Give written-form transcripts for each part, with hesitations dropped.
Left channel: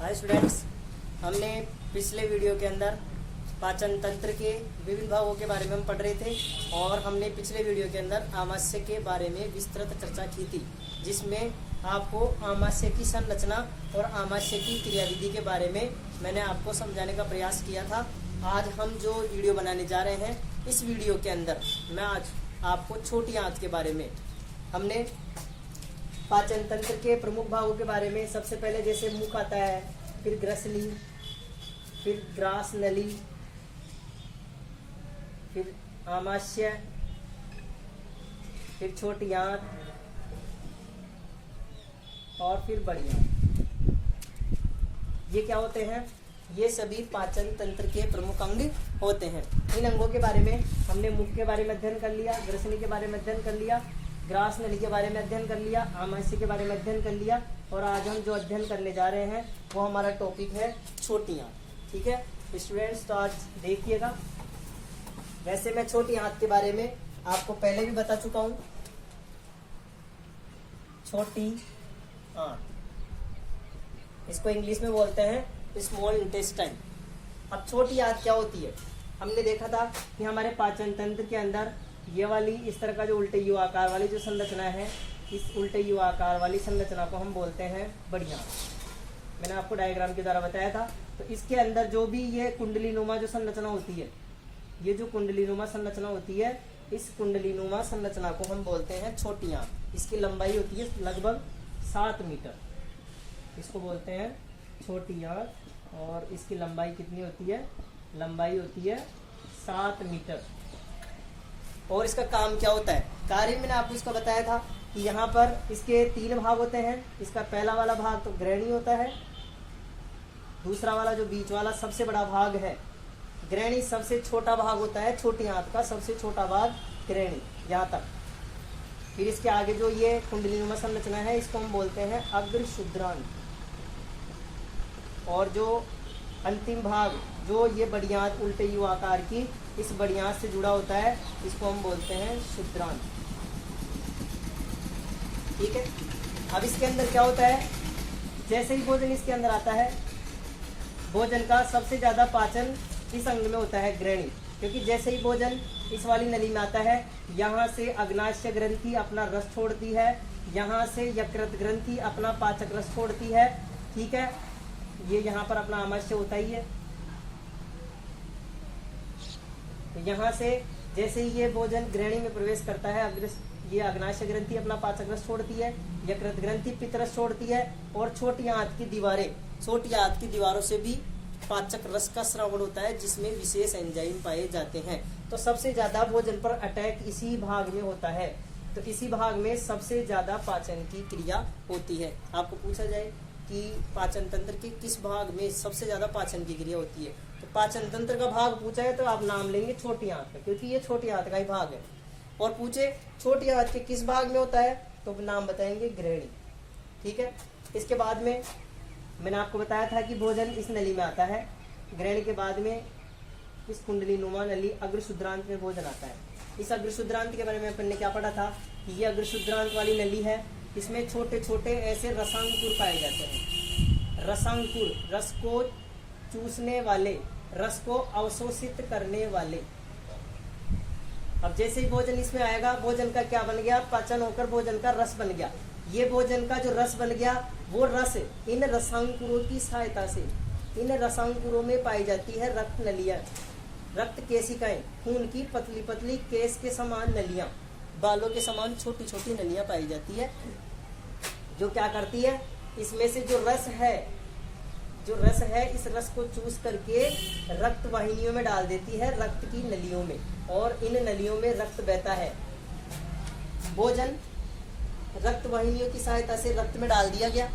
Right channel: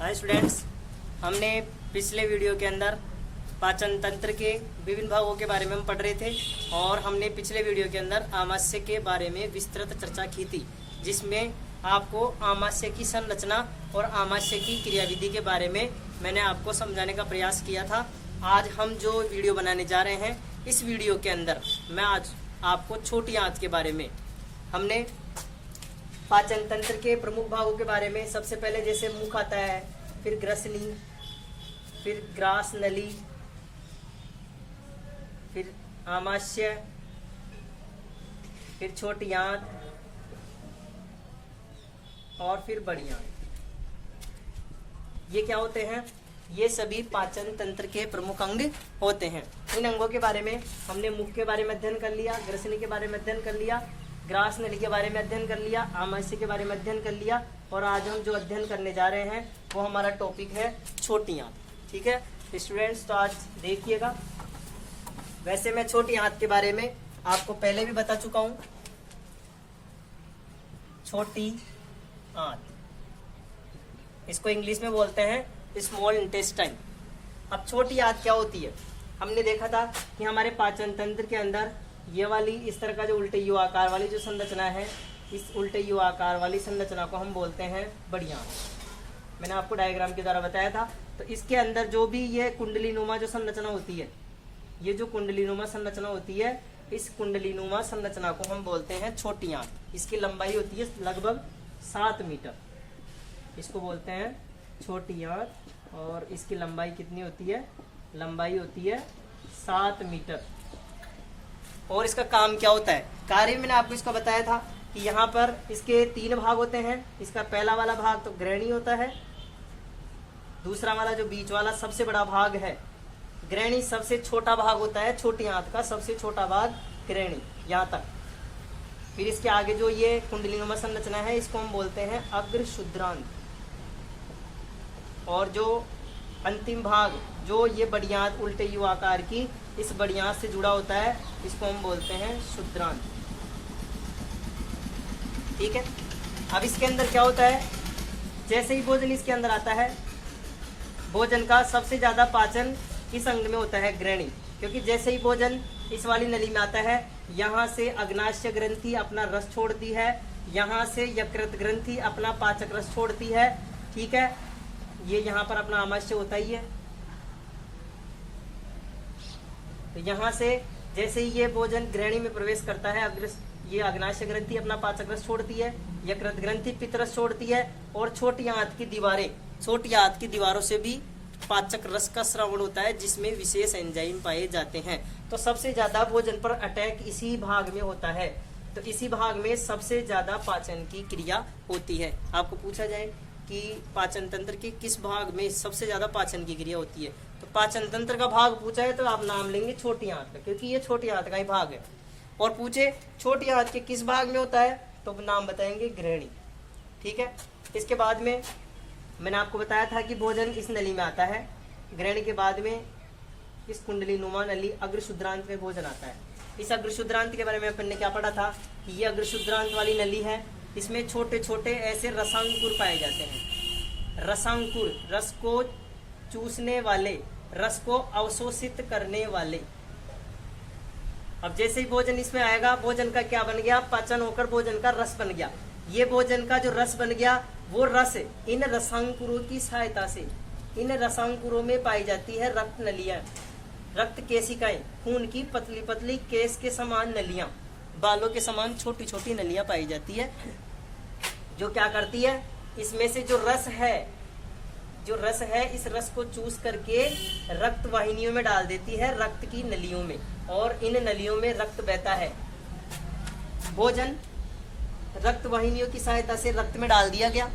Hi students, हमने पिछले video के अंदर पाचन तंत्र के विभिन्न भागों के बारे में हम पढ़ रहे थे और हमने पिछले वीडियो के अंदर आमाशय के बारे में विस्तृत चर्चा की थी, जिसमें आपको आमाशय की संरचना और आमाशय की क्रियाविधि के बारे में मैंने आपको समझाने का प्रयास किया था। आज हम जो वीडियो बनाने जा रहे हैं, इस वीडियो के अंदर मैं आज आपको छोटी आंत के बारे में, हमने पाचन तंत्र के प्रमुख भागों के बारे में सबसे पहले जैसे मुख आता है, फिर ग्रसनी, फिर ग्रास नली, फिर आमाशय, फिर छोटी आंत और फिर बड़ी आंत। ये क्या होते हैं? ये सभी पाचन तंत्र के प्रमुख अंग होते हैं। इन अंगों के बारे में हमने मुख के बारे में अध्ययन कर लिया, ग्रसनी के बारे में अध्ययन कर लिया, ग्रास नली के बारे में अध्ययन कर लिया, आमाशय के बारे में अध्ययन कर लिया और आज हम जो अध्ययन करने जा रहे हैं वो हमारा टॉपिक है छोटी आंत। ठीक है स्टूडेंट्स, तो आज देखिएगा। वैसे मैं छोटी आंत के बारे में आपको पहले भी बता चुका हूं। छोटी आंत, इसको इंग्लिश में बोलते हैं स्मॉल इंटेस्टाइन। अब छोटी आंत क्या होती है? हमने देखा था कि हमारे पाचन तंत्र के अंदर ये वाली इस तरह का जो उल्टे यू आकार वाली जो संरचना है, इस उल्टे यू आकार वाली संरचना को हम बोलते हैं बड़ी आंत। मैंने आपको डायग्राम के द्वारा बताया था। तो इसके अंदर जो भी ये कुंडलीनुमा जो संरचना होती है, ये जो कुंडलीनुमा संरचना होती है, इस कुंडलीनुमा संरचना को हम बोलते हैं छोटी आंत। इसकी लंबाई होती है लगभग 7 मीटर। इसको बोलते हैं छोटी आंत और इसकी लंबाई कितनी होती है? लंबाई होती है 7 मीटर। और इसका काम क्या होता है? कार्य मैंने आपको इसका बताया था कि यहाँ पर इसके 3 भाग होते हैं। इसका पहला वाला भाग तो ग्रहणी होता है, दूसरा वाला जो बीच वाला सबसे बड़ा भाग है ग्रहणी, सबसे छोटा भाग होता है छोटी आंत का, सबसे छोटा भाग ग्रहणी यहाँ तक। फिर इसके आगे जो ये कुंडलीनुमा संरचना है, इसको हम बोलते हैं अग्रशुद्रांत। और जो अंतिम भाग जो ये बड़ी आंत उल्टे यू आकार की इस बड़ी आंत से जुड़ा होता है, इसको हम बोलते हैं शुद्रांत। ठीक है, अब इसके अंदर क्या होता है? जैसे ही भोजन इसके अंदर आता है, भोजन का सबसे ज्यादा पाचन इस अंग में होता है ग्रहणी, क्योंकि जैसे ही भोजन इस वाली नली में आता है, यहाँ से अग्नाशय ग्रंथि अपना रस छोड़ती है, यहाँ से यकृत ग्रंथि अपना पाचक रस छोड़ती है। ठीक है, ये यहाँ पर अपना आमाशय होता ही है। तो यहाँ से जैसे ही ये भोजन ग्रहणी में प्रवेश करता है, ये अग्नाशय ग्रंथि अपना पाचक रस छोड़ती है, यकृत ग्रंथि पित्त रस छोड़ती है और छोटी आंत की दीवारें, छोटी आंत की दीवारों से भी पाचक रस का स्रावण होता है, जिसमें विशेष एंजाइम पाए जाते हैं। तो सबसे ज्यादा भोजन पर अटैक इसी भाग में होता है। तो इसी भाग में सबसे ज्यादा पाचन की क्रिया होती है। आपको पूछा जाए कि पाचन तंत्र के किस भाग में सबसे ज्यादा पाचन की क्रिया होती है, तो पाचन तंत्र का भाग पूछा है तो आप नाम लेंगे छोटी आंत का, क्योंकि ये छोटी आंत का ही भाग है। और पूछे छोटी आंत के किस भाग में होता है, तो नाम बताएंगे ग्रहणी। ठीक है, इसके बाद में मैंने आपको बताया था कि भोजन इस नली में आता है। ग्रहणी के बाद में इस कुंडलीनुमा नली अग्रशुद्रांत में भोजन आता है। इस अग्रशुद्रांत के बारे में अपन ने क्या पढ़ा था कि ये अग्रशुद्रांत वाली नली है, इसमें छोटे छोटे ऐसे रसांकुर पाए जाते हैं। रसांकुर, रस को चूसने वाले, रस को अवशोषित करने वाले। अब जैसे ही भोजन इसमें आएगा, भोजन का क्या बन गया? पाचन होकर भोजन का रस बन गया। ये भोजन का जो रस बन गया, वो रस इन रसांकुरों की सहायता से, इन रसांकुरों में पाई जाती है रक्त नलियां, रक्त केशिकाएं, खून की पतली पतली केस के समान नलियां, बालों के समान छोटी छोटी नलियां पाई जाती है, जो क्या करती है? इसमें से जो रस है, इस रस को चूस करके रक्त वाहिनियों में डाल देती है, रक्त की नलियों में, और इन नलियों में रक्त बहता है। भोजन रक्त वाहिनियों की सहायता से रक्त में डाल दिया गया।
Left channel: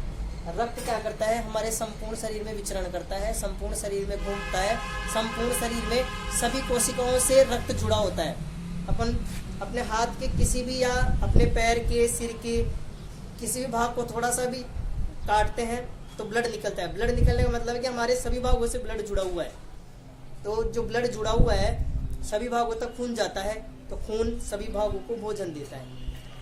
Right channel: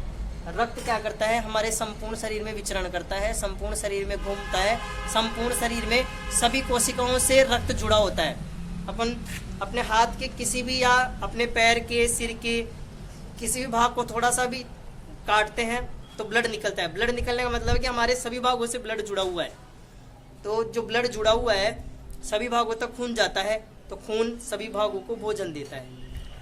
रक्त क्या करता है? हमारे संपूर्ण शरीर में विचरण करता है, संपूर्ण शरीर में घूमता है, संपूर्ण शरीर में सभी कोशिकाओं से रक्त जुड़ा होता है। अपन अपने हाथ के किसी भी या अपने पैर के, सिर के किसी भी भाग को थोड़ा सा भी काटते हैं तो ब्लड निकलता है। ब्लड निकलने का मतलब है कि हमारे सभी भागों से ब्लड जुड़ा हुआ है। तो जो ब्लड जुड़ा हुआ है, सभी भागों तक खून जाता है, तो खून सभी भागों को भोजन देता है।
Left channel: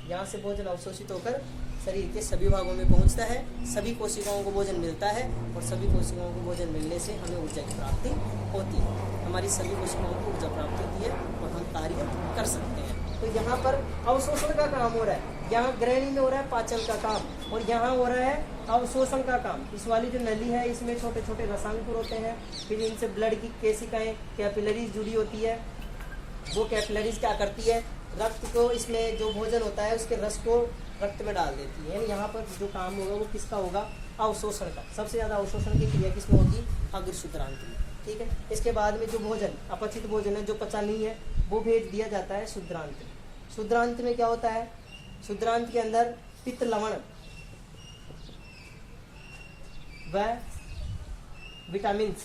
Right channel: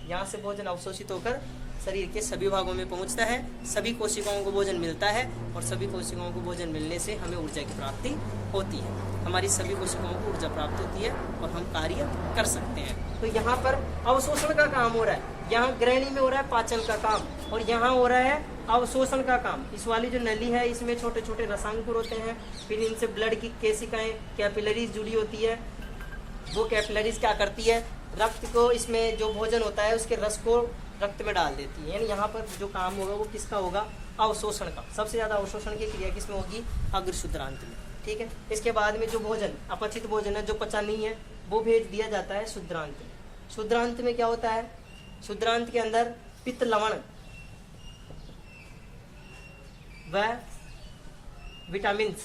यहाँ से भोजन अवशोषित होकर शरीर के सभी भागों में पहुंचता है, सभी कोशिकाओं को भोजन मिलता है और सभी कोशिकाओं को भोजन मिलने से हमें ऊर्जा की प्राप्ति होती है। हमारी सभी कोशिकाओं को ऊर्जा प्राप्त होती है और हम कार्य कर सकते हैं। तो यहाँ पर अवशोषण का काम हो रहा है, यहाँ ग्रहणी में हो रहा है पाचन का काम, और यहाँ हो रहा है अवशोषण का काम। इस वाली जो नली है इसमें छोटे छोटे रसांकुर होते हैं, फिर इनसे ब्लड की केशिकाएं कैपिलरीज जुड़ी होती है। वो कैपिलरीज क्या करती है, रक्त को, इसमें जो भोजन होता है उसके रस को रक्त में डाल देती है। यानी यहाँ पर जो काम होगा वो किसका होगा, अवशोषण का। सबसे ज्यादा अवशोषण की क्रिया किसमें होगी, अग्रशुद्रांत में। ठीक है, इसके बाद में जो भोजन अपचित भोजन है, जो पचा नहीं है, वो भेज दिया जाता है शुद्रांत में। शुद्रांत में क्या होता है, शुद्रांत के अंदर पित्त लवण व विटामिन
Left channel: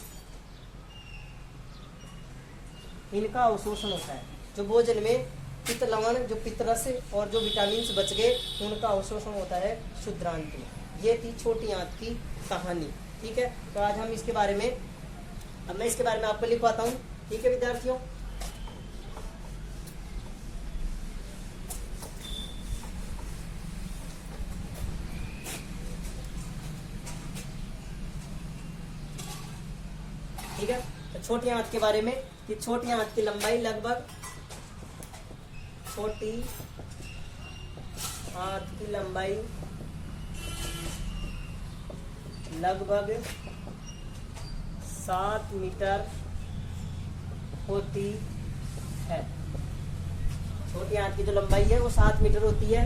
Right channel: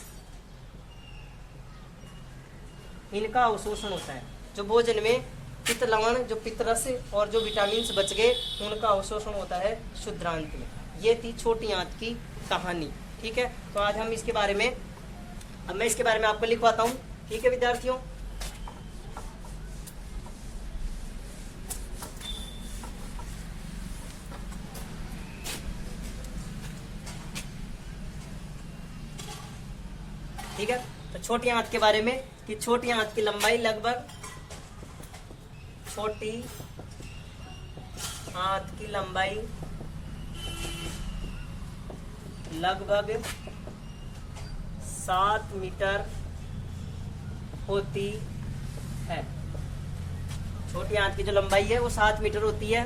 इनका अवशोषण होता है। जो भोजन में पित्त लवण, जो पित्त रस और जो विटामिन बच गए, उनका अवशोषण होता है शुद्रांत में। ये थी छोटी आंत की कहानी। ठीक है, तो आज हम इसके बारे में, अब मैं इसके बारे में आपको लिखवाता हूँ। ठीक है विद्यार्थियों, ठीक है। तो छोटी आंत के बारे में कि छोटी आंत की लंबाई लगभग, छोटी आंत की लंबाई लगभग 7 मीटर होती है। छोटी आंत की जो लंबाई है वो 7 मीटर होती है।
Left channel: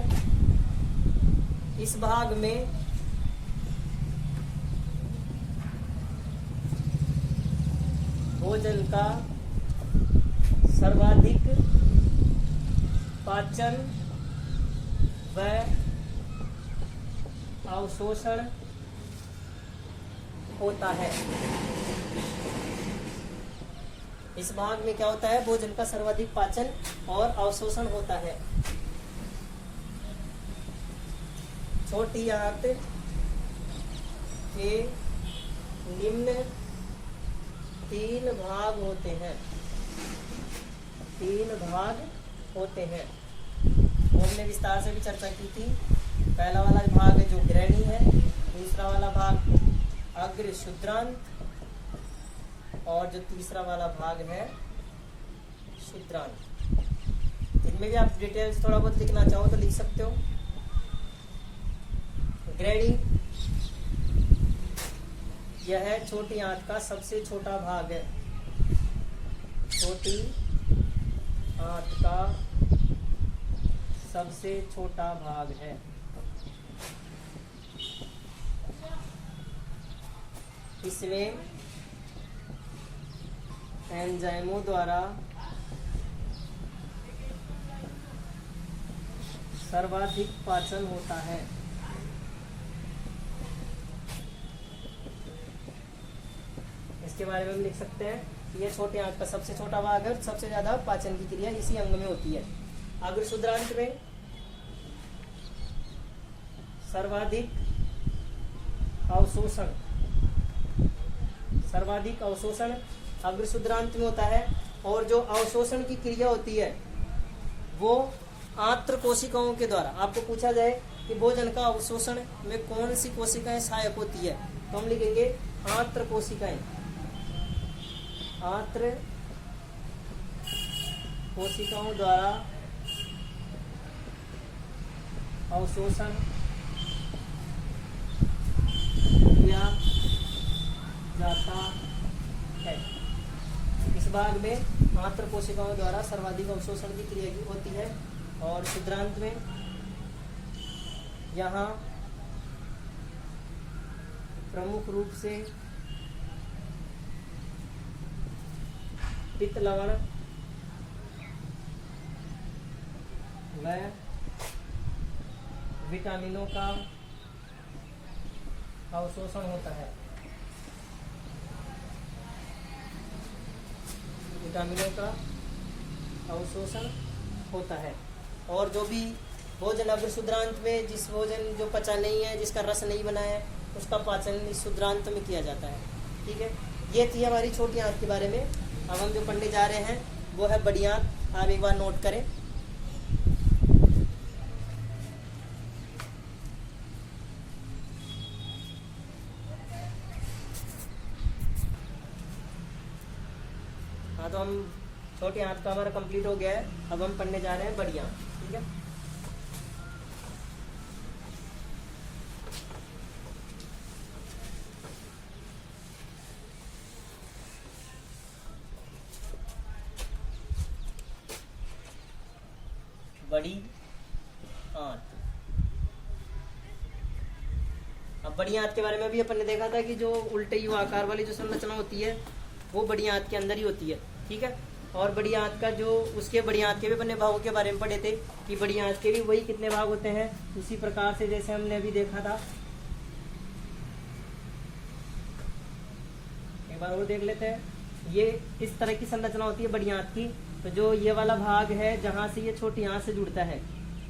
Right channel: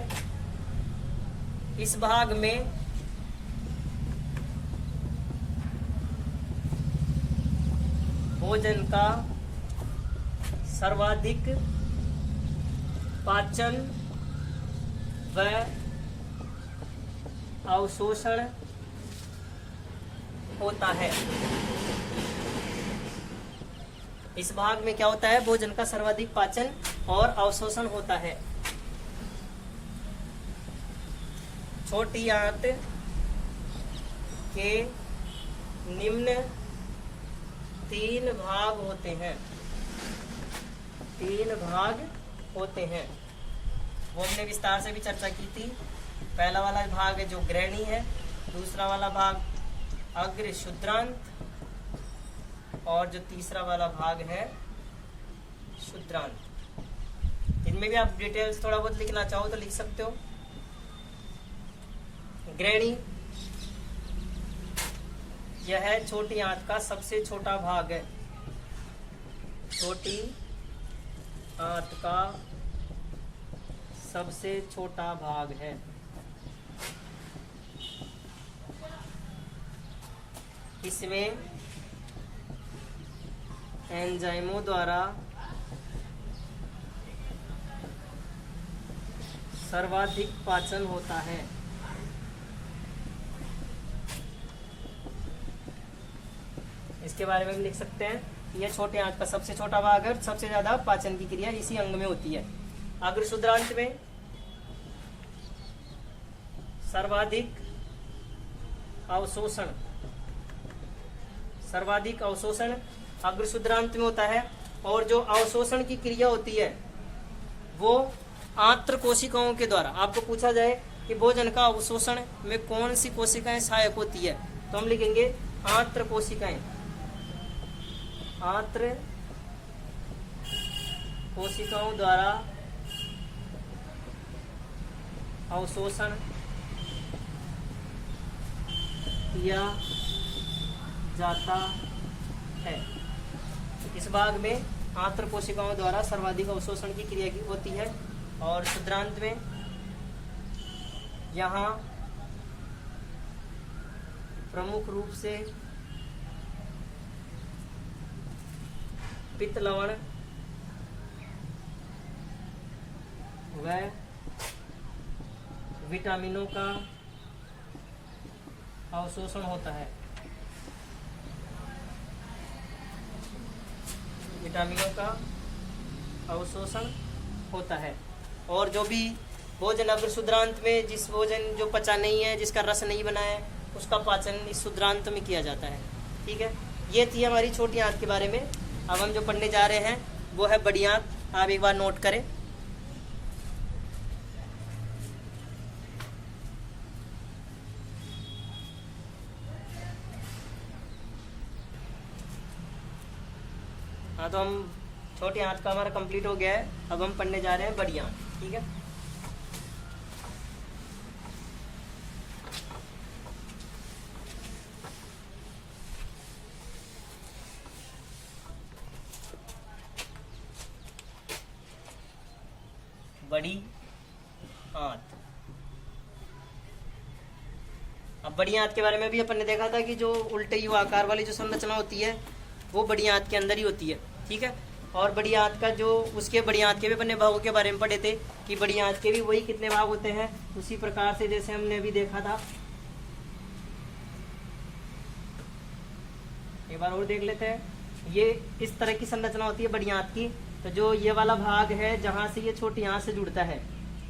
इस भाग में भोजन का सर्वाधिक पाचन व अवशोषण होता है। इस भाग में क्या होता है, भोजन का सर्वाधिक पाचन और अवशोषण होता है। छोटी आंत के निम्न 3 भाग होते हैं। 3 भाग होते हैं, वो हमने विस्तार से भी चर्चा की थी। पहला वाला भाग है जो ग्रहणी है, दूसरा वाला भाग अग्र शुद्रांत, और जो तीसरा वाला भाग है शुद्रांत। इनमें भी आप डिटेल्स थोड़ा बहुत लिखना चाहो तो लिख सकते हो। ग्रहणी यह है छोटी आंत का सबसे छोटा भाग है। छोटी आंत का सबसे छोटा भाग है। इसमें एंजाइमों द्वारा सर्वाधिक पाचन होता है। इसके बारे में हम लिख सकते हैं, यह छोटे आंत का सबसे छोटा भाग है, सबसे ज्यादा पाचन की क्रिया इसी अंग में होती है। अग्र शुद्रांत में सर्वाधिक अवशोषण, सर्वाधिक अवशोषण अग्र शुद्रांत में होता है। और जो अवशोषण की क्रिया होती है वो आंत्र कोशिकाओं के द्वारा। आपको पूछा जाए कि भोजन का अवशोषण में कौन सी कोशिकाएं सहायक होती है, तो हम लिखेंगे आंत्र कोशिकाएं। आंत्र कोशिकाओं द्वारा अवशोषण किया जाता है। इस भाग में आंत्र कोशिकाओं द्वारा सर्वाधिक अवशोषण की क्रिया की होती है। और शुद्रांत में यहाँ प्रमुख रूप से पित्त लवण व विटामिनों का अवशोषण होता है। विटामिनों का अवशोषण होता है। और जो भी भोजन अग्र शुद्रांत में, जिस भोजन जो पचा नहीं है, जिसका रस नहीं बना है, उसका पाचन इस शुद्रांत में किया जाता है। ठीक है, ये थी हमारी छोटी आंत के बारे में। अब हम जो पढ़ने जा रहे हैं वो है बड़ी आंत। आप एक बार नोट करें। हाँ, तो हम छोटी आंत का हमारा कंप्लीट हो गया है। अब हम पढ़ने जा रहे हैं बड़ी आंत। ठीक है, बड़ी आंत। अब बड़ी आंत के बारे में भी अपन ने देखा था कि जो उल्टे यू आकार वाली जो संरचना होती है वो बड़ी आंत के अंदर ही होती है। ठीक है, और बड़ी आंत का जो उसके बड़ी आंत के भी अपने भागों के बारे में पढ़े थे कि बड़ी आंत के भी वही कितने भाग होते हैं, उसी प्रकार से जैसे हमने अभी देखा था। एक बार और देख लेते हैं। ये इस तरह की संरचना होती है बड़ी आंत की। तो जो ये वाला भाग है जहां से ये छोटी आंत से जुड़ता है,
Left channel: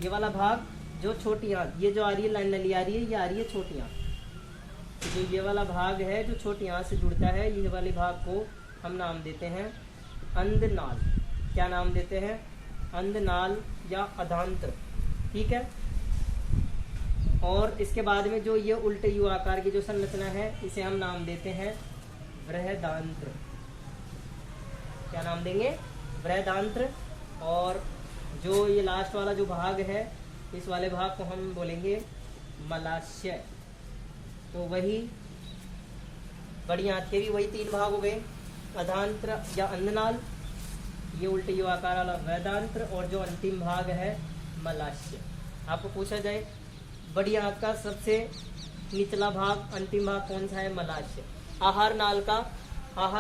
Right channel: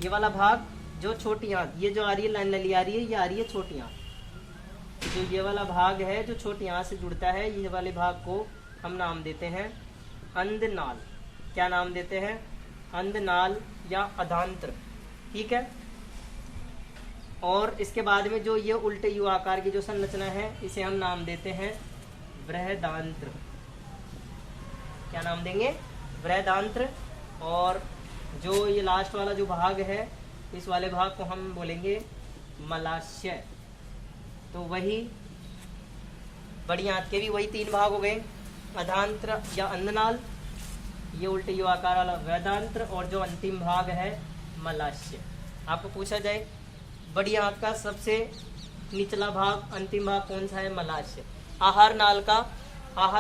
ये वाला भाग जो छोटी आंत, ये जो आ रही है लाइन नली आ रही है, ये आ रही है छोटी आंत। तो जो ये वाला भाग है जो छोटी आंत से जुड़ता है, ये वाले भाग को हम नाम देते हैं अंधनाल। क्या नाम देते हैं? अंधनाल या अधांत्र। ठीक है, और इसके बाद में जो ये उल्टे यू आकार की जो संरचना है इसे हम नाम देते हैं बृहदांत्र। क्या नाम देंगे? बृहदांत्र। और जो ये लास्ट वाला जो भाग है, इस वाले भाग को हम बोलेंगे मलाशय। तो वही बड़ी आंत के भी वही तीन भाग हो गए, अधांत्र या अंधनाल, ये उल्टे यू आकार वाला वेदांत्र, और जो अंतिम भाग है मलाशय। आपको पूछा जाए बड़ी आंत का सबसे निचला भाग, अंतिम भाग कौन सा है? मलाशय। आहार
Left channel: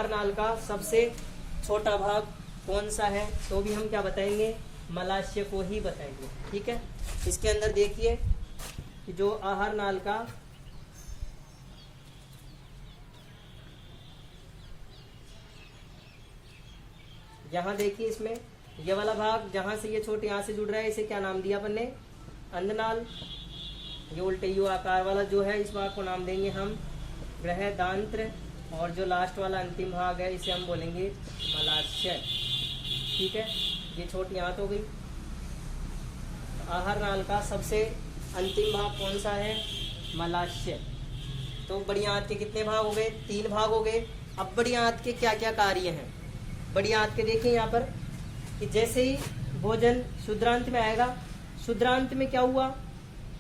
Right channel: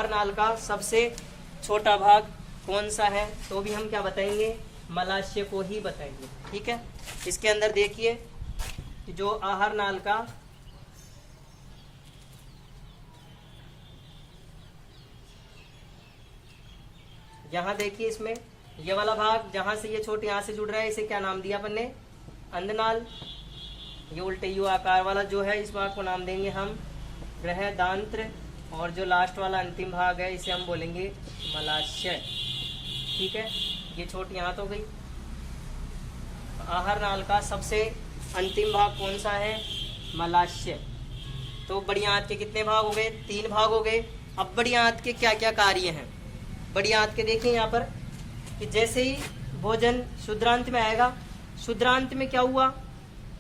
नाल का सबसे छोटा भाग कौन सा है? तो भी हम क्या बताएंगे? मलाशय को ही बताएंगे। ठीक है, इसके अंदर देखिए कि जो आहार नाल का यहाँ देखिए, इसमें ये वाला भाग जहां से ये छोटी आंत से जुड़ रहा है, इसे क्या नाम दिया अपन ने? अंधनाल। ये उल्टे यू आकार वाला जो है, इस भाग को नाम देंगे हम बृहदांत्र, और जो लास्ट वाला अंतिम भाग है इसे हम बोलेंगे मलाशय। ठीक है, ये छोटी आंत हो गई। आहार नाल का सबसे अंतिम भाग कौन सा है? मलाशय। तो बड़ी आंत के कितने भाग हो गए? 3 भाग हो गए। अब बड़ी आंत के क्या क्या कार्य हैं? बड़ी आंत के देखें यहाँ पर कि जैसे ही भोजन शुद्रांत में आएगा, शुद्रांत में क्या हुआ?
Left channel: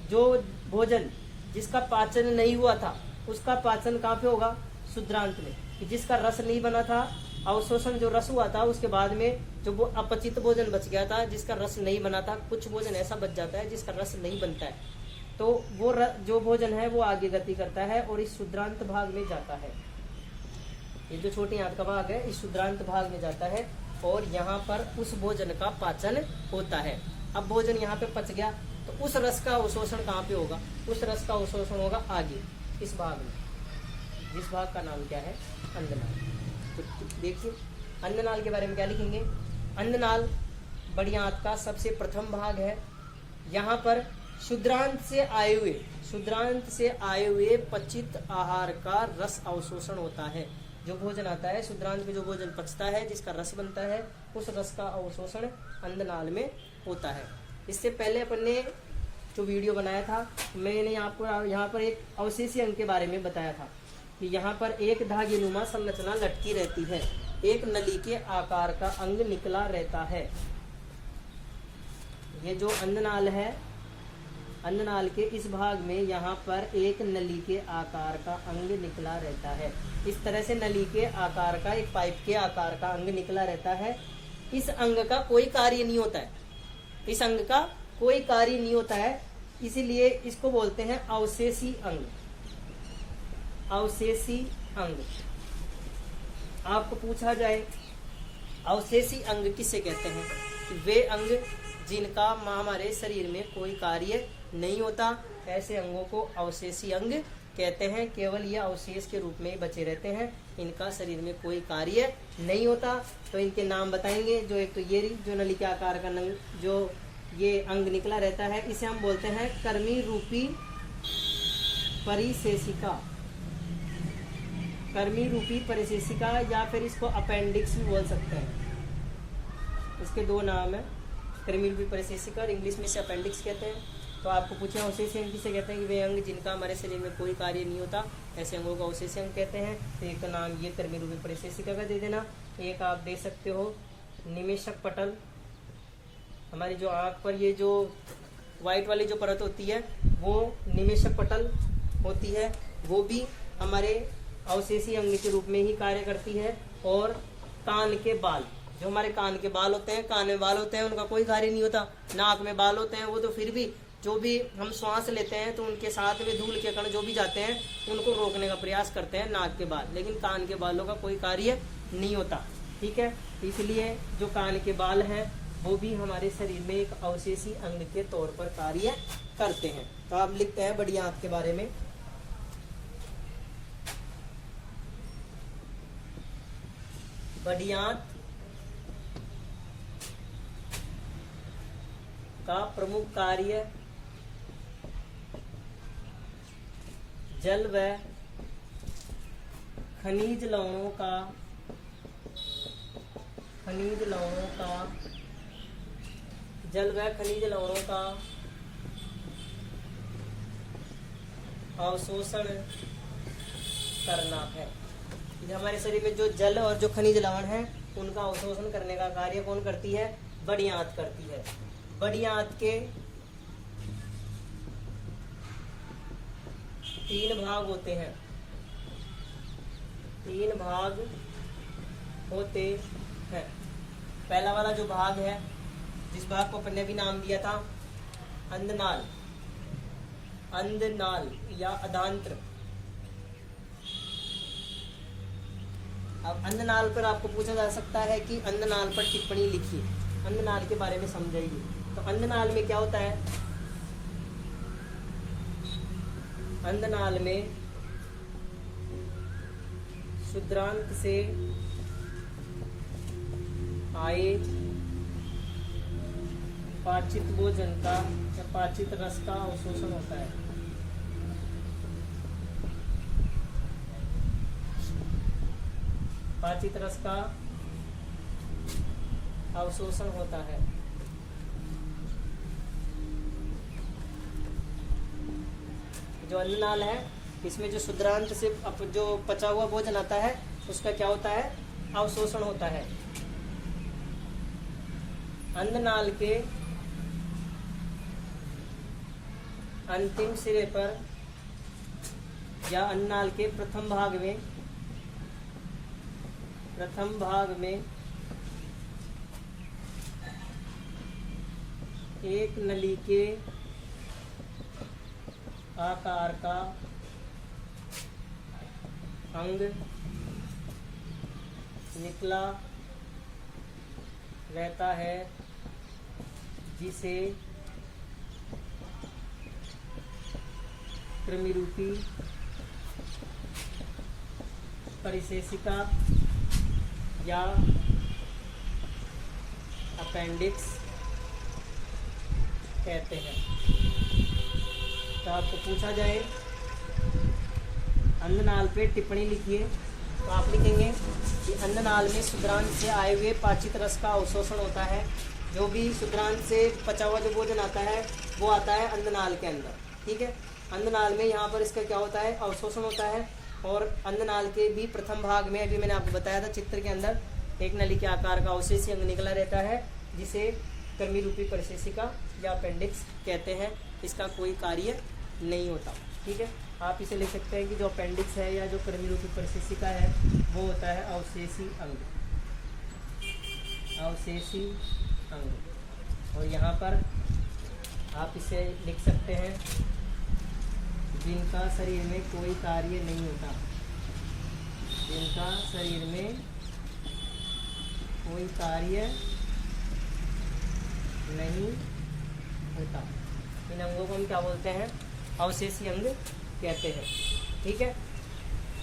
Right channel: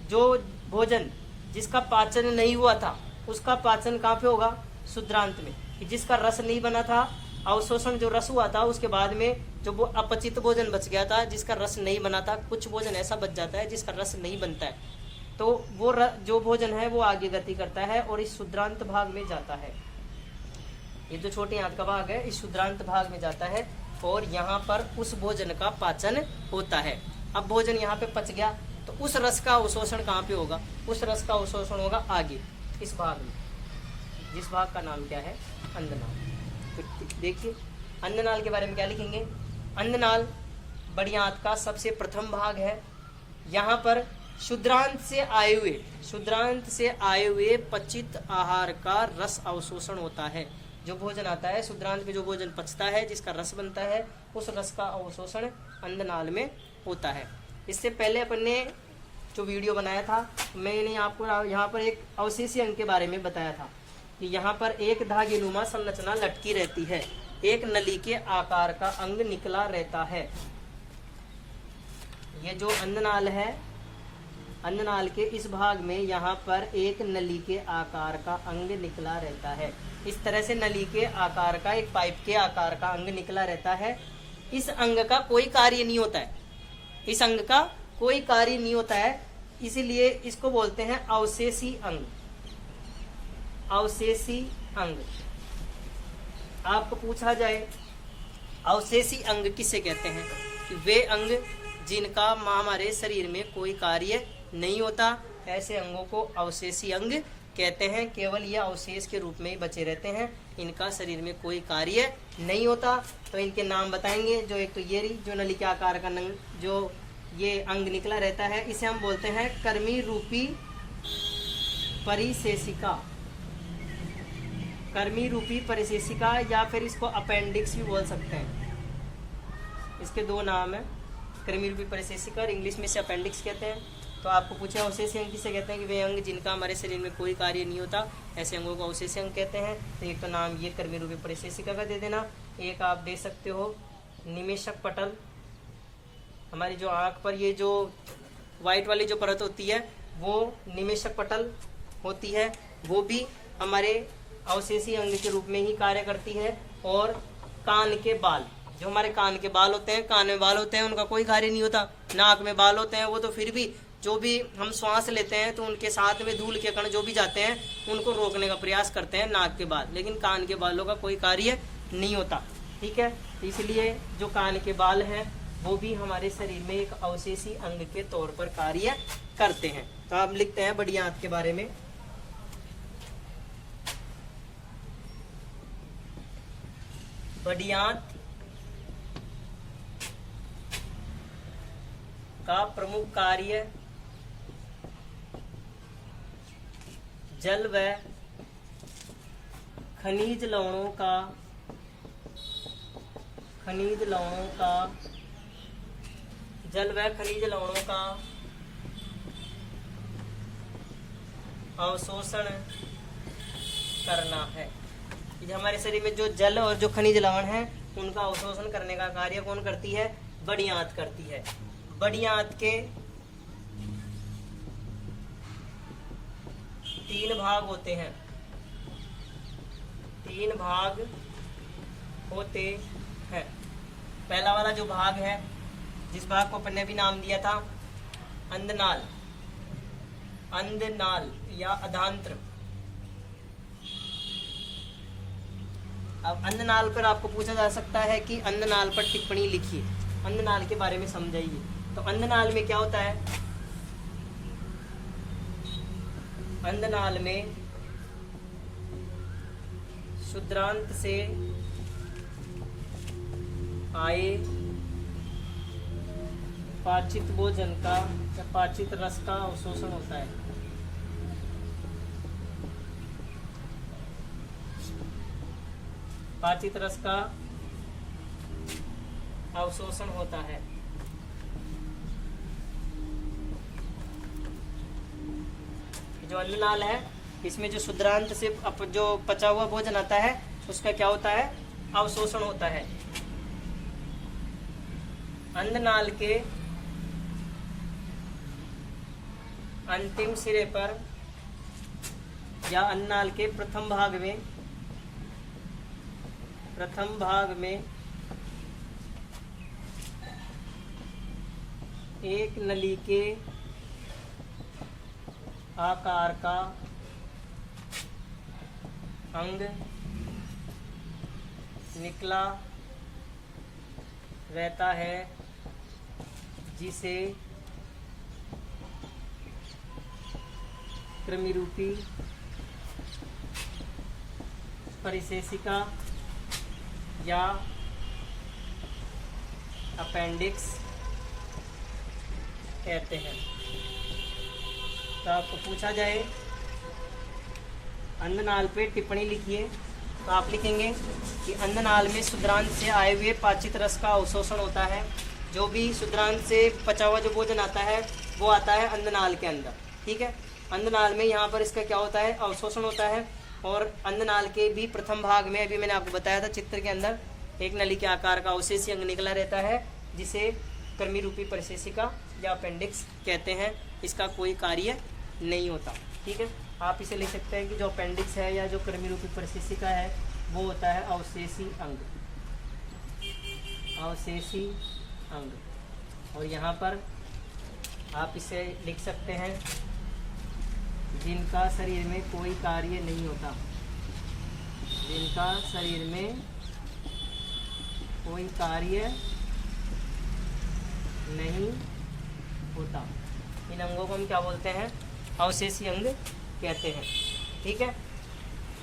जो भोजन जिसका पाचन नहीं हुआ था उसका पाचन कहाँ पे होगा? शुद्रांत में। कि जिसका रस नहीं बना था, अवशोषण जो रस हुआ था, उसके बाद में जो वो अपचित भोजन बच गया था, जिसका रस नहीं बना था, कुछ भोजन ऐसा बच जाता है जिसका रस नहीं बनता है, तो वो जो भोजन है वो आगे गति करता है और इस शुद्रांत भाग में जाता है। ये जो छोटी आंत का भाग है इस शुद्रांत भाग में जाता है और यहाँ पर उस भोजन का पाचन होता है। अब भोजन यहाँ पे पच गया तो उस रस का अवशोषण कहाँ पे होगा? उस रस का अवशोषण होगा आगे इस भाग में, जिस भाग का नाम क्या है? अंधनाल। तो देखिए अंधनाल के बारे में क्या लिखेंगे? अंधनाल बड़ी आंत का सबसे प्रथम भाग है। यहाँ पर शुद्रांत से आए हुए पचित आहार का रस अवशोषण होता है। जो भोजन आता है शुद्रांत में, जो भोजन पचता है, जिसका रस बनता है, उस रस का अवशोषण अंधनाल में होता है। इससे पहले अपन ने जो वीडियो बनाया था, मैंने आपको यहाँ पर एक अवशेषी अंग के बारे में बताया था कि यहाँ पर एक धागेनुमा संरचना लटकी रहती है, एक नली के आकार का अंग निकला रहता है। ये जो अंधनाल है, अंधनाल के इस भाग में यहाँ पर एक नली के आकार का अंग निकला रहता है। इस तरह से नली के आकार का, एक पाइप के आकार का अंग निकला रहता है। इस अंग का कोई कार्य नहीं होता है, इस अंग का कोई कार्य नहीं होता है, इसीलिए इसको बोलते हैं अवशेषी अंग। अवशेषी अंग। आपको पूछा जाए अवशेषी अंग किसे कहते हैं? वे अंग जिनका हमारे शरीर में कोई कार्य नहीं होता, ऐसे अंगों को अवशेषी अंग कहते हैं। केवल ये अवशेष के रूप में ही बचे रहते हैं, इनका शरीर में कोई कार्य नहीं होता। तो इनके नाम बताएंगे। जो एक तो ये रही, जो नली के आकार का जो ये अंग निकला रहता है, इसे हम बोलते हैं कर्मी रूपी परिशेषिका। कर्मी रूपी परिशेषिका, या फिर इसको अपेंडिक्स भी बोल सकते हैं। इसके दो नाम है, कर्मी रूपी परिशेषिका और इंग्लिश में इसे अपेंडिक्स कहते हैं। तो आपको पूछे अवशेषी अंग किसे कहते हैं, कि वे अंग जिनका हमारे शरीर में कोई कार्य नहीं होता, ऐसे अंगों को अवशेषी अंग कहते हैं। तो एक तो नाम ये कर्मी रूपी परिशेषिका का दे देना। एक आप दे सकते हो निमेशक पटल, हमारी जो आंख पर ये जो व्हाइट वाली जो परत होती है वो निमेशक पटल होती है, वो भी हमारे अवशेषी अंग के रूप में ही कार्य करती है। और कान के बाल, जो हमारे कान के बाल होते हैं, कान में बाल होते हैं, उनका कोई कार्य नहीं होता। नाक में बाल होते हैं, वो तो फिर भी जो भी हम श्वास लेते हैं तो उनके साथ में धूल के कण जो भी जाते हैं उनको रोकने का प्रयास करते हैं नाक के बाल, लेकिन कान के बालों का कोई कार्य नहीं होता। ठीक है, इसलिए जो कान के बाल हैं वो भी हमारे शरीर में एक अवशेषी अंग के तौर पर कार्य करते हैं। तो आप लिखते हैं बड़ी आंत के बारे में। बड़ी आंत का प्रमुख कार्य जल व खनिज लवणों का जल व खनिज लवणों का अवशोषण करना है। ये हमारे शरीर में जो जल और जो खनिज लवण है उनका अवशोषण करने का कार्य कौन करती है, बड़ी आंत करती है। बड़ी आंत के 3 भाग होते हैं, 3 भाग होते हैं। पहला वाला जो भाग है, जिस भाग को अपन ने भी नाम दिया था अंधनाल, अंधनाल या अधांत्र। अब अंधनाल पर आपको पूछा जा सकता है कि अंधनाल पर टिप्पणी लिखिए, अंधनाल के बारे में समझाइए। तो अंधनाल में क्या होता है, अंधनाल में शुद्रांत से आए पाचित भोजन का या पाचित रस का अवशोषण होता है। पाचित रस का अवशोषण होता है। जो अन्ननाल है इसमें जो शुद्रांत से जो पचा हुआ भोजन आता है उसका क्या होता है, अवशोषण होता है। अन्ननाल के अंतिम सिरे पर या अन्ननाल के प्रथम भाग में एक नली के आकार का अंग निकला रहता है, जिसे कृमिरूपी परिशेषिका या अपेंडिक्स कहते हैं। तो आपको पूछा जाए अंधनाल पे टिप्पणी लिखिए, तो आप लिखेंगे कि अंधनाल में शुद्रांत से आए हुए पाचित रस का अवशोषण होता है। जो भी शुद्रांत से पचा हुआ जो भोजन आता है वो आता है अंधनाल के अंदर। ठीक है, अंधनाल में यहाँ पर इसका क्या होता है, अवशोषण होता है। और अंधनाल के भी प्रथम भाग में अभी मैंने आपको बताया था चित्र के अंदर एक नली के आकार का अवशेषी अंग निकला रहता है, जिसे कृमि रूपी परिशेषिका या अपेंडिक्स कहते हैं। इसका कोई कार्य नहीं होता। ठीक है, आप इसे लिख सकते हैं कि जो अपेंडिक्स है या जो कृमि रूपी परिशेषिका है वो होता है अवशेषी अंग, अवशेषी अंग। और यहाँ पर आप इसे लिख सकते हैं जिनका शरीर में कोई कार्य नहीं होता, जिनका शरीर में कोई कार्य नहीं होता। इन अंगों को हम क्या बोलते हैं, अवशेषी अंग कहते हैं। ठीक है,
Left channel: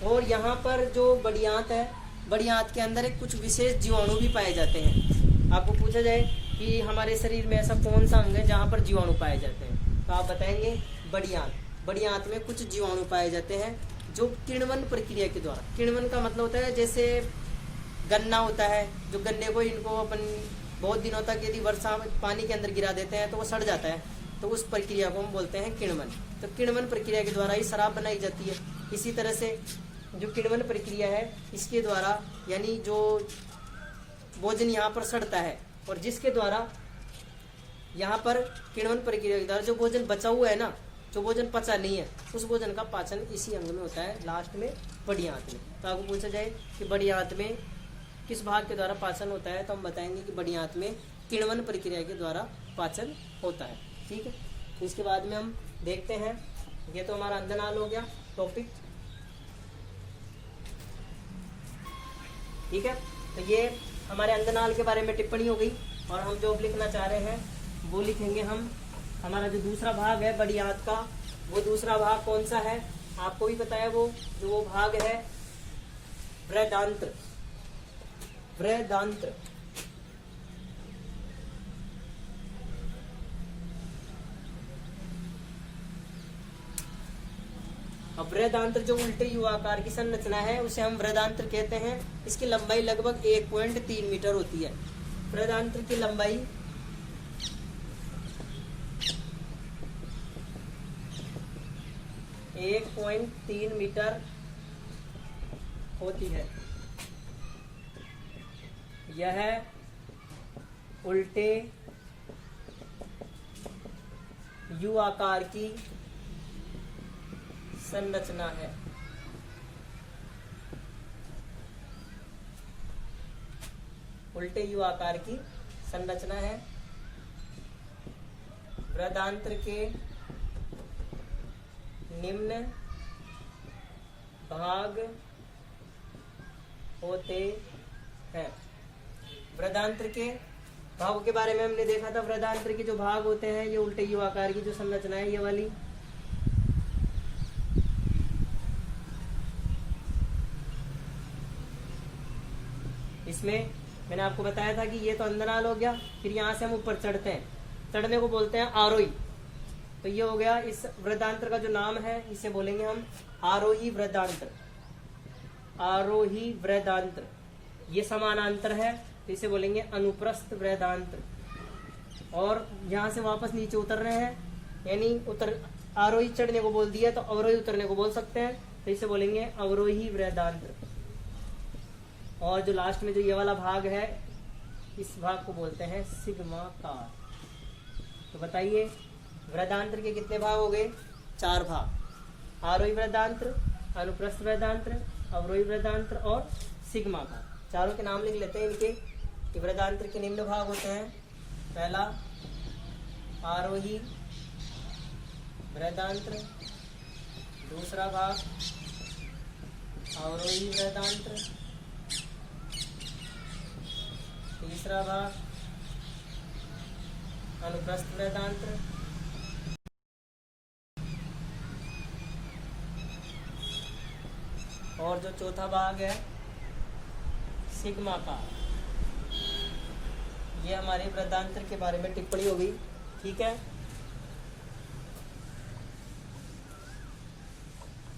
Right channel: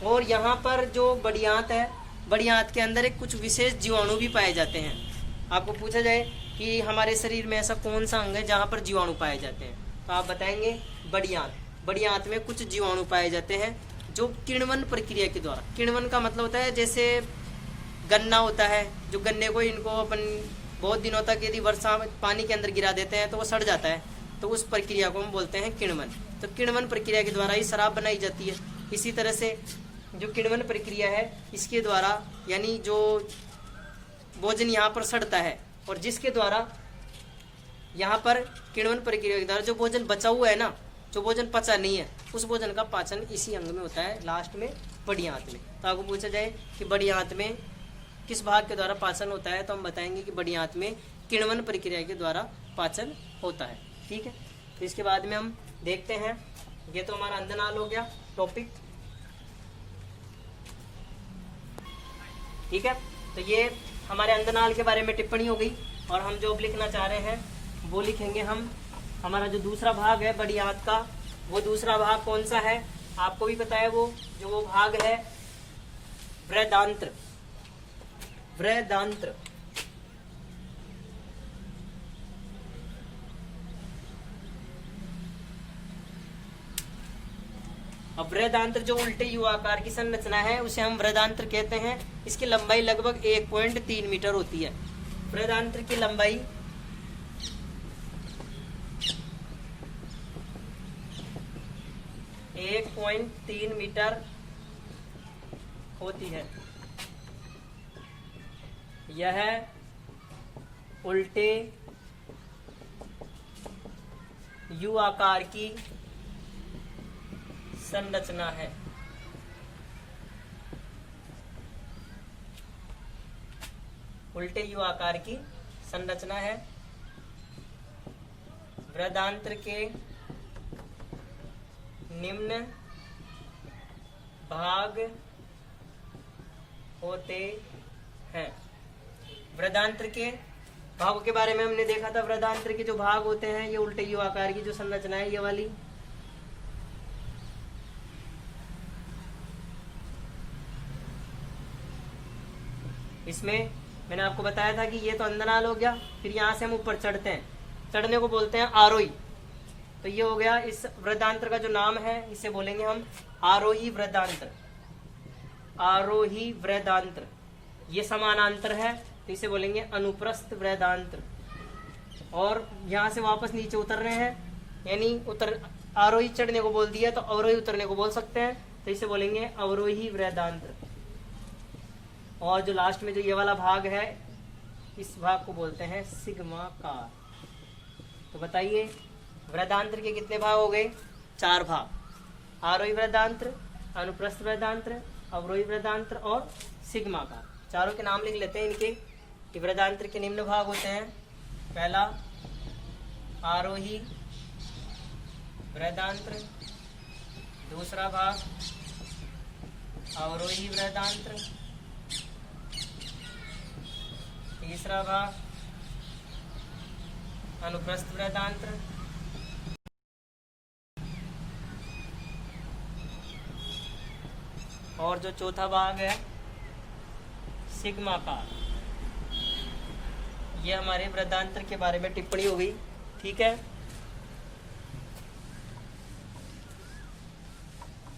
और यहाँ पर जो बड़ी आंत है, बड़ी आंत के अंदर एक कुछ विशेष जीवाणु भी पाए जाते हैं। आपको पूछा जाए कि हमारे शरीर में ऐसा कौन सा अंग है जहाँ पर जीवाणु पाए जाते हैं, तो आप बताएंगे बड़ी आंत। बड़ी आंत में कुछ जीवाणु पाए जाते हैं जो किण्वन प्रक्रिया के द्वारा, किण्वन का मतलब होता है जैसे गन्ना होता है, जो गन्ने को इनको अपन बहुत दिनों तक यदि वर्षा में पानी के अंदर गिरा देते हैं तो वो सड़ जाता है, तो उस प्रक्रिया को हम बोलते हैं किण्वन। तो किण्वन प्रक्रिया के द्वारा ही शराब बनाई जाती है। इसी तरह से जो किण्वन प्रक्रिया है इसके द्वारा यानी जो भोजन यहाँ पर सड़ता है और जिसके द्वारा यहाँ पर किण्वन प्रक्रिया के द्वारा जो भोजन बचा हुआ है ना, जो भोजन पचा नहीं है, उस भोजन का पाचन इसी अंग में होता है, लास्ट में बड़ी आंत में। तो आपको पूछा जाए कि बड़ी आंत में किस भाग के द्वारा पाचन होता है, तो हम बताएंगे कि बड़ी आंत में किण्वन प्रक्रिया के द्वारा पाचन होता है। ठीक है, तो इसके बाद में हम देखते हैं, ये तो हमारा अंधनाल हो गया टॉपिक। ठीक है, तो ये हमारे अंधनाल के बारे में टिप्पणी हो गई और हम जो लिखना चाह रहे हैं वो लिखेंगे हम। हमारा जो दूसरा भाग है बड़ी आंत का, वो दूसरा भाग कौन सा है आपको भी पता है, वो भाग है वृद्धांत्र। वृद्धांत्र अब वृद्धांत्र जो उल्टे यू आकार की संरचना है उसे हम वृद्धांत्र कहते हैं। इसकी लंबाई लगभग 1.3 मीटर होती है। वृद्धांत्र की लंबाई 1.3 मीटर होती है। यह उल्टे यू आकार की संरचना है। उल्टे यू आकार की संरचना है। वृद्धांत्र के निम्न भाग होते हैं। वृद्धांत्र के भागों के बारे में हमने देखा था। वृद्धांत्र के जो भाग होते हैं ये उल्टे यू आकार की जो संरचना है, ये वाली। इसमें मैंने आपको बताया था कि ये तो अंधनाल हो गया, फिर यहाँ से हम ऊपर चढ़ते हैं, चढ़ने को बोलते हैं आरोही। तो ये हो गया इस वृद्धांत्र का जो नाम है, इसे बोलेंगे हम आरोही वृद्धांत्र। आरोही वृद्धांत्र। ये समानांतर है तो इसे बोलेंगे अनुप्रस्थ वृद्धांत्र। और यहाँ से वापस नीचे उतर रहे हैं, यानी आरोही चढ़ने को बोल दिया तो अवरोही उतरने को बोल सकते हैं, तो इसे बोलेंगे अवरोही वृद्धांत्र। और जो लास्ट में जो ये वाला भाग है, इस भाग को बोलते हैं सिग्माकार। तो बताइए वृद्धांत्र के कितने भाग हो गए? 4 भाग। आरोही वृद्धांत्र, अनुप्रस्थ वृद्धांत्र, अवरोही वृद्धांत्र और सिग्माकार। चारों के नाम लिख लेते हैं इनके कि वृद्धांत्र के निम्न भाग होते हैं। पहला आरोही वृद्धांत्र, दूसरा भाग अवरोही वृद्धांत्र, तीसरा भाग अनुप्रस्थ वृद्धांत्र, और जो चौथा भाग है सिग्माकार। ये हमारे वृद्धांत्र के बारे में टिप्पणी हो गई। ठीक है,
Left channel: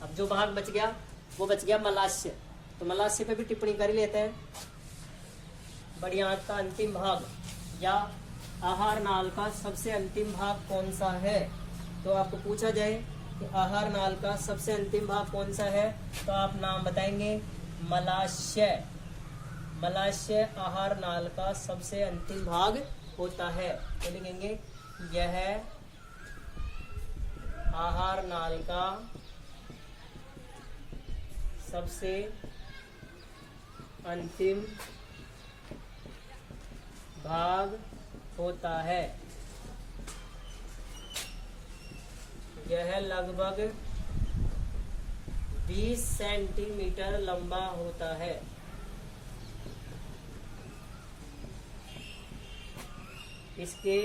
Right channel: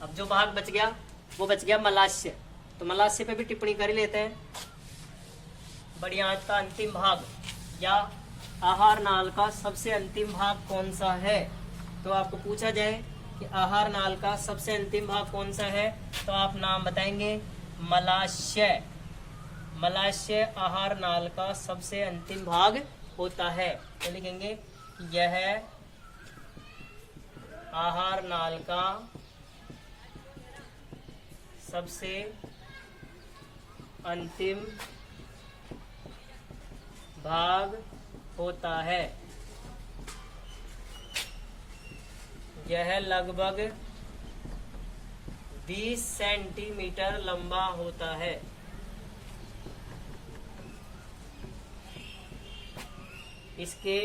अब जो भाग बच गया वो बच गया मलाशय। तो मलाशय पे भी टिप्पणी कर ही लेते हैं। बड़ी आंत का अंतिम भाग या आहार नाल का सबसे अंतिम भाग कौन सा है? तो आपको पूछा जाए कि आहार नाल का सबसे अंतिम भाग कौन सा है, तो आप नाम बताएंगे मलाशय। मलाशय आहार नाल का सबसे अंतिम भाग होता है। तो लिखेंगे यह आहार नाल का सबसे अंतिम भाग होता है। यह लगभग 20 सेंटीमीटर लंबा होता है। इसके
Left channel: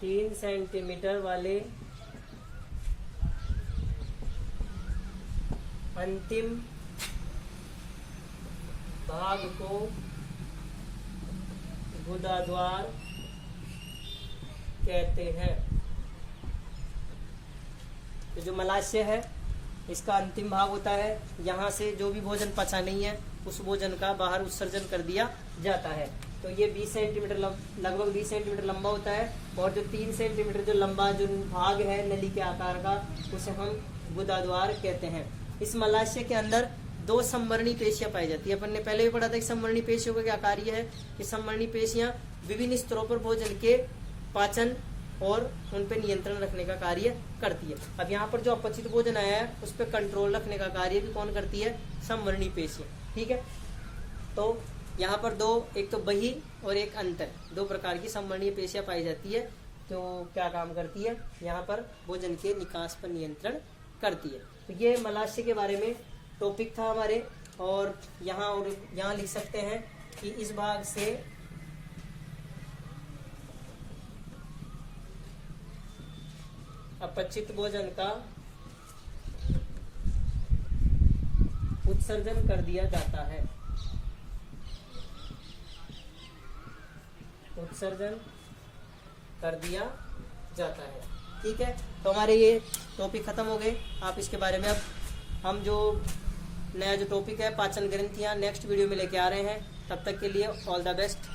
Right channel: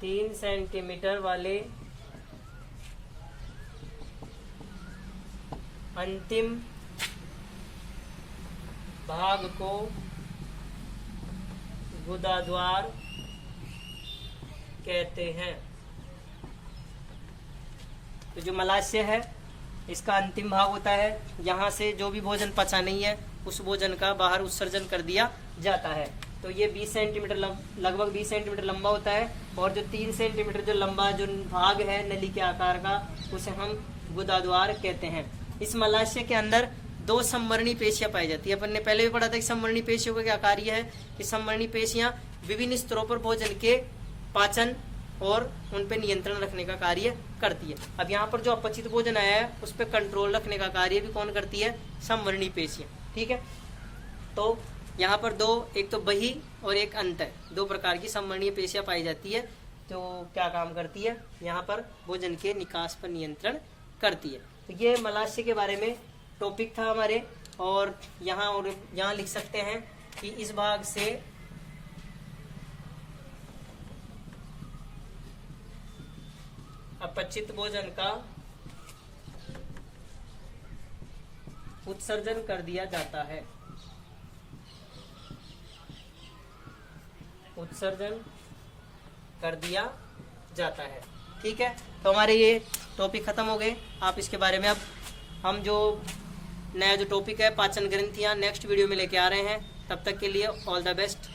3 सेंटीमीटर वाले अंतिम भाग को गुदाद्वार कहते हैं। तो जो मलाशय है इसका अंतिम भाग होता है। यहाँ से जो भी भोजन पचा नहीं है उस भोजन का बाहर उत्सर्जन कर दिया जाता है। तो ये 20 सेंटीमीटर लगभग 20 सेंटीमीटर लंबा होता है। और जो 3 सेंटीमीटर जो लंबा जो भाग है नली के आकार का, उसे हम गुदाद्वार कहते हैं। इस मलाशय के अंदर 2 संवरणी पेशियां पाई जाती है। अपन ने पहले भी पढ़ा था कि संवरणी पेशियों का क्या कार्य है, कि संवरणी पेशियां विभिन्न स्तरों पर भोजन के पाचन और उन पे नियंत्रण रखने का कार्य करती है। अब यहाँ पर जो अपचित भोजन आया है उस पर कंट्रोल रखने का कार्य भी कौन करती है, संवरणी पेशियां। ठीक है, तो यहाँ पर एक तो बही और एक अंतर, 2 प्रकार की संवरणीय पेशियां पाई जाती है। तो क्या काम करती है, यहाँ पर भोजन के निकास पर नियंत्रण करती है। तो ये मलाशय के बारे में टॉपिक था हमारे। और यहाँ लिख सकते हैं कि इस भाग से अपचित भोजन का उत्सर्जन कर दिया जाता है। उत्सर्जन कर दिया जाता है। ठीक है, तो हमारे ये टॉपिक खत्म हो गए। आप इसके बारे में अब हम जो नया जो टॉपिक है पाचन ग्रंथियां नेक्स्ट वीडियो में लेके आ रहे हैं। तब तक के लिए ऑल द बेस्ट।